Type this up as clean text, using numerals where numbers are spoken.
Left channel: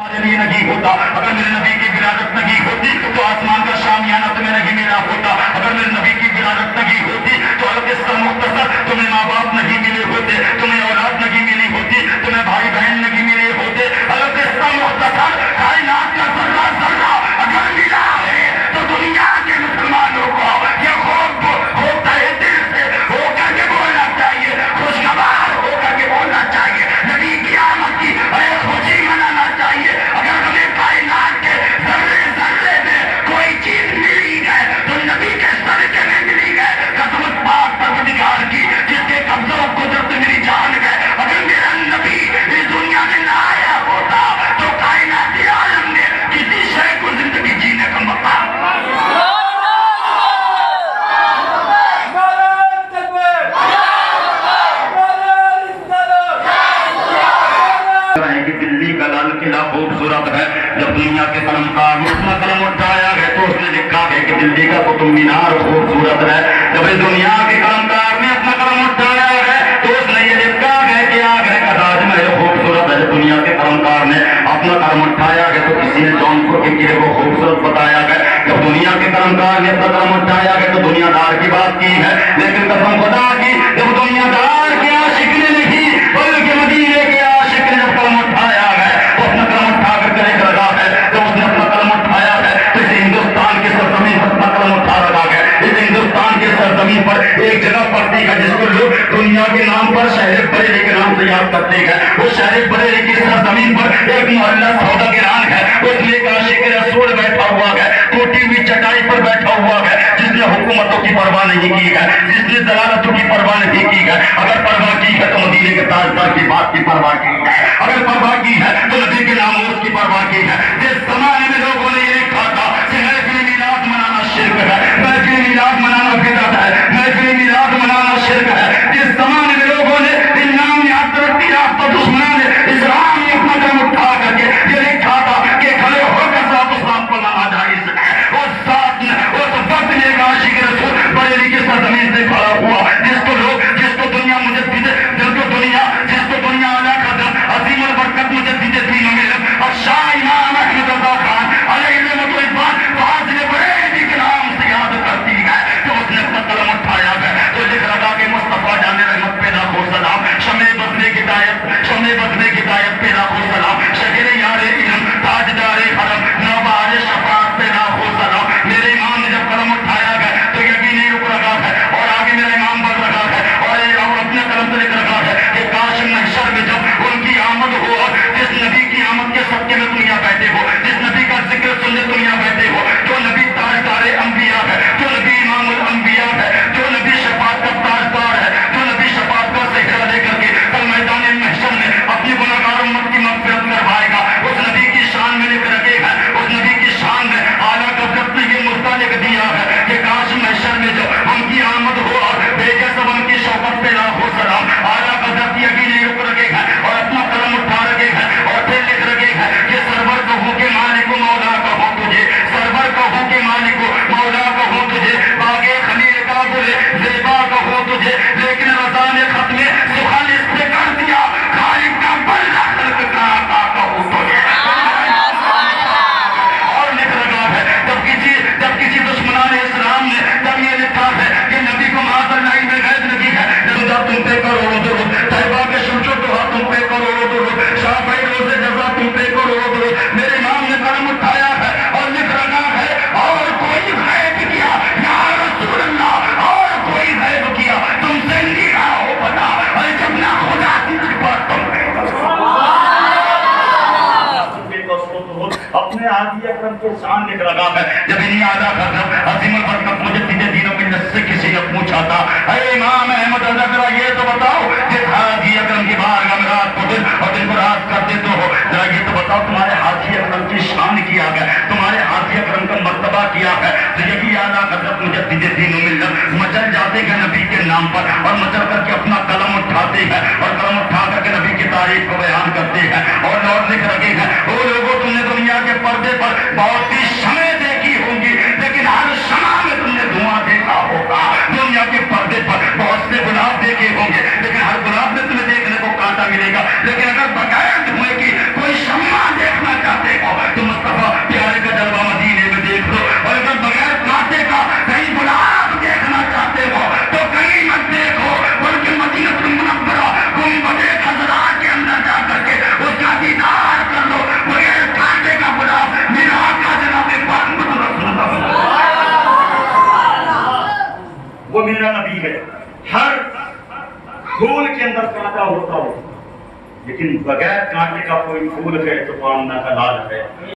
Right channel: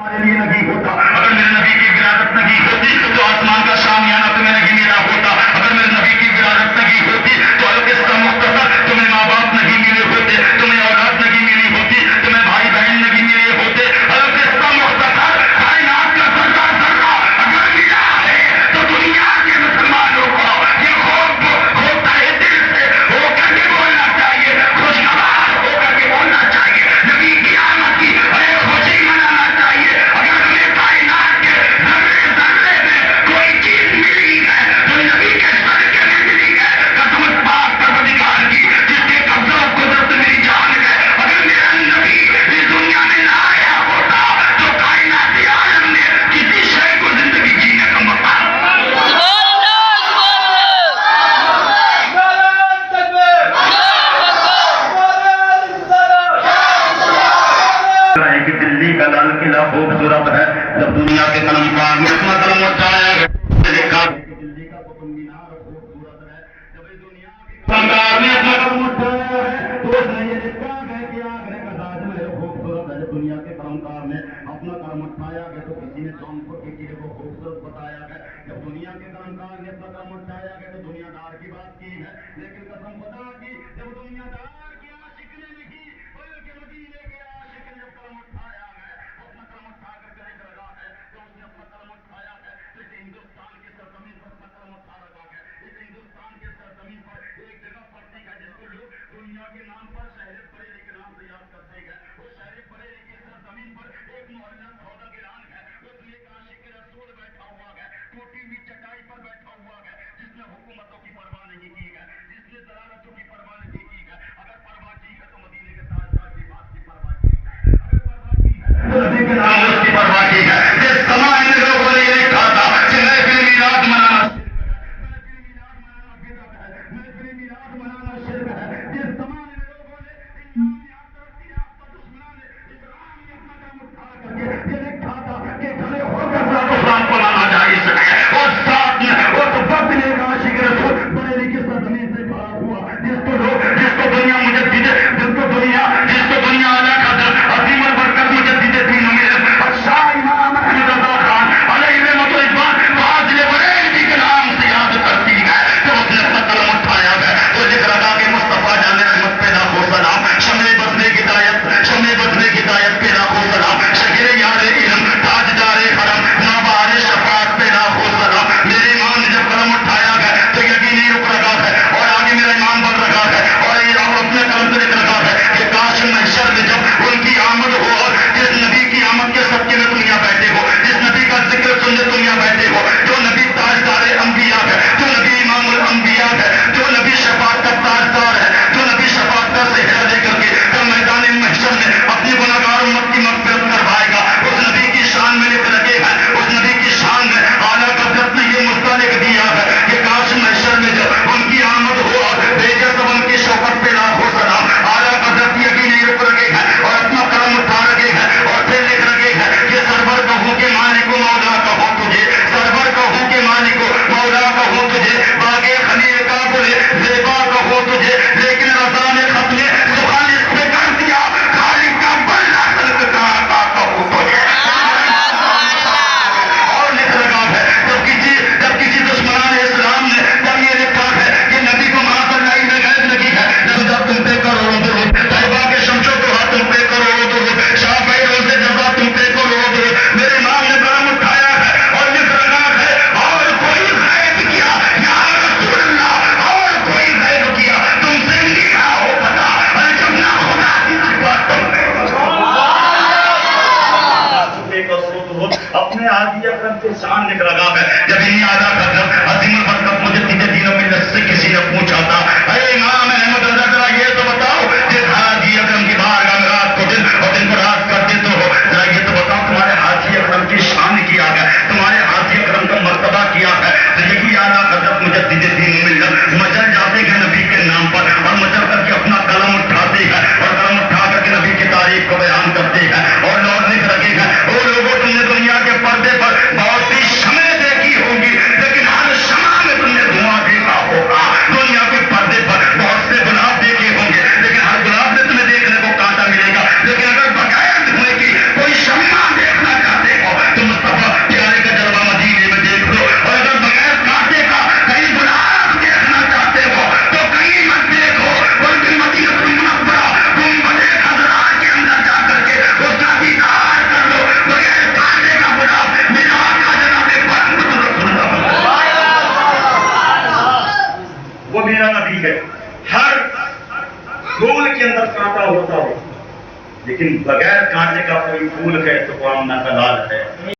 یہ نہیں ہوتا اگر میرے نبی کی ولادت نہیں ہوتی تو آسمان کا شامیانہ تمہیں نہیں ملا ہوتا اگر میرے نبی کی ولادت نہیں ہوتی تو القصہ مختصر تمہیں ماں باپ نہیں ملے ہوتے تمہیں اولاد نہیں ملی ہوتی تمہیں بھائی بہن نہیں ملے ہوتے القصہ مختصر کائنات کا ذرہ ذرہ اگر ملا ہے تو دنیا کے مسلمانوں کو یہ خوب ہوتا ہے دل سے ہو کر کے بولنا چاہیے خوشگوار ہو کر کے بولنا چاہیے نبی کی آمد کی خوشی منانا چاہیے اگر ہمیں کائنات کے ذرے ذرے میں کوئی چیز ملی ہے تو نبی کے صدقے میں ملی ہے قسم پاک پروردگار کی جس کے قبضہ و قدرت میری جان ہے اگر میرا نبی اس دنیا میں نہ آیا ہوتا تو کائناتی عالم نے کسی شے کو زندگی جینے کا موقع کہ دلی کا لال قلعہ خوبصورت ہے جب دنیا کے قلمکار نے اپنا قلم اٹھایا ہے تو اس نے لکھا ہے کہ دلی کا قطب مینار خوبصورت ہے جب اس دنیا کے قلمکار نے اپنا قلم اٹھایا ہے تو اس نے یہ لکھا ہے کہ آگرہ کا تاج محل خوبصورت ہے جب دنیا کے قلمکار نے اپنا قلم اٹھایا ہے تو کسی نے جونپور کے قلعے کو خوبصورت بتایا ہے جب دنیا کے قلمکار نے اپنا قلم اٹھایا ہے تو دنیا دار کی بات کی ہے لیکن قسم خدا کی جب دنیا دار کے عاشق نے نہیں بلکہ مدینے کے عاشق نے جب قلم اٹھایا ہے تو اپنا قلم اٹھا کر کے ایک لگا ہے جب اس نے اپنا قلم اٹھایا ہے تو اس ہندوستان کی سرزمین پر اپنا قلم اٹھا رکھا ہے اس ہندوستان کی سرزمین پر ایک جگہ پڑتی ہے جس کو لوگ دنیا کے نام پر شہر بریلی کے نام سے یاد کرتے ہیں وہ شہر بریلی کی سرزمین پر ایک محلہ سوداگران ہے اس میں ایک عاشق رسول بیٹھا ہوا ہے ٹوٹی ہوئی چٹائی پر بیٹھا ہوا ہے جس نے حکومتوں کی پرواہ نہیں کی ہے جس نے دلالتوں کی پرواہ نہیں کی ہے اگر پرواہ کی ہے تو مدینے کے تاجدار کی بات کی پرواہ کی ہے اگر پرواہ کی ہے تو نبی کے نام اس کی پرواہ کی ہے جس زمانے میں لوگوں نے یہ لکھا تھا کہ محفل میلاد منانا شرک ہے محفل میلاد منانا بدعت ہے محفل میلاد منانا شرک ہے جس زمانے میں لوگوں نے ان نام یاد ترقی یافتہ دشمنان اسلام نے اپنا قدم اٹھا کر کے یہ لکھا تھا کہ کھڑے ہو کر ذات اسلام کو لانا جائز ہے اور ساتھ میں اس وقت نے ایک عاشق رسول بریلی کی سرزمین سے کھڑا ہوا جس کو دنیا مجدد جس کو دنیا اعلیٰ قدر عظیم البرکت مجدد دین و ملت اور شاہ امام احمد رضا خان علیہ رحمت الرحمان فاضل بریلوی کے نام سے یاد کرتی ہے تو اس نے اپنا قلم اٹھایا ہے تو لکھ رکھا کہ مصطفیٰ جان رحمت پہ لاکھوں سلام شمع بزنے کی ہدایت پہ لاکھوں سلام شہر یار علم تاجدار حرم نوبہار شفاعت پہ لاکھوں سلام میرے امام نے جب قلم اٹھایا ہے تو یقینی رک رکھا ہے اور آگے میرا امام بڑھ رکھا ہے اور اپنے قلم سے لکھ رکھا ہے کہ کاش محشر میں جب ان کی آمد ہو اور جس نبی کی آمد کے صدقے میں دنیا بیٹھے ہو جس نبی کا ذکر سننے دنیا بیٹھے ہو جو نبی تاجدار انبیاء ہے جو نبی امام الانبیاء ہے جو نبی شفاعت کا تاجدار ہے جو نبی شفاعت کا صحرا لے کر کے کل میدان محشر میں اپنی گناہگار امت کی مغفرت کروائے گا اس نبی کی شان میں لکھ رکھے ہیں اس نبی کی شان میں اعلیٰ قدرت نے یہ مدعا لکھ دیا ہے کہ کاش محشر میں جب ان کی آمد ہو اور بھیجا سب ان کی شوکت پہ لاکھوں سلام اعلیٰ قدرت یقینی رک رکھے ہیں اور اپنا قلم اٹھا رکھے ہیں اور پھر لکھ رکھے ہیں کہ سرور کہوں کہ مالک و مولا کہوں تجھے سرور کہوں کہ مالک و مولا کہوں تجھے باغ خلیل کا گل زیبا کہوں تجھے لیکن رضا نے ختم سخن اس پہ کر دیا خالق کا بلہ خلق کا آقا کہوں تجھے اور لکھ رکھا ہے جب کسی دشمنان اسلام نے جب یہ لکھا ہے کہ نبی کو معاذ اللہ میں غیب لگی ہے جب تم پہ کروڑوں درود طیبہ کے شمس و ضحا تم پہ کروڑوں درود شافعی روزے جزا تم پہ کروڑوں درود میرے امام نے قلم اٹھایا ہے اور لکھ رکھا ہے اور کوئی غیب کیا یا رسول اللہ اور کوئی غیب کیا تم سے نہیں ہو پتا اور جب نہ خدا کی صفات تم پہ اپنے عادی اکرم کے شان لکھ رکھا ہے جب انہی آدھا حضرت عظیم البرکت مجدد دین و ملت سے کسی نے پوچھا تھا اے امام احمد رضا ذرا یہ تو بتاؤ کہ حاجی اکرم کی بارگاہ میں رات کو دن اور دن کو رات کرتے تو ہو ذرا یہ تو بتاؤ تمہارے حاجی اکرم کی شان کیا ہے تمہارے حاجی اکرم کا مرتبہ کیا ہے تو یہی اعلیٰ حضرت مجدد دین و ملت مچل جاتے ہیں نبی کے نام پر اور مچل کر کے اپنا قلم اٹھاتے ہیں اور قلم اٹھا کر کے نبی کی تعریف کو بیان کرتے ہیں اور لوگ لکھ رکھے ہیں وہ لوگوں تم نے دنیا کے پردے پر بہت سی شمع دیکھی ہوں گی لیکن ہر شمع میں تم نے دھواں دیکھا ہوگا دنیا کے پردے پر بہت سے گلاب دیکھے ہوں گے لیکن ہر گلاب میں تمہیں دیکھنے کو کانٹا ملے گا لیکن اگر بغیر دھوئے کی کوئی شمع دیکھنا چاہے ہے. ہر پھول کے اندر کانٹا ہوتا ہو لیکن بغیر کانٹے کا کوئی پھول ہے تو وہ آمنہ کا لال ہے.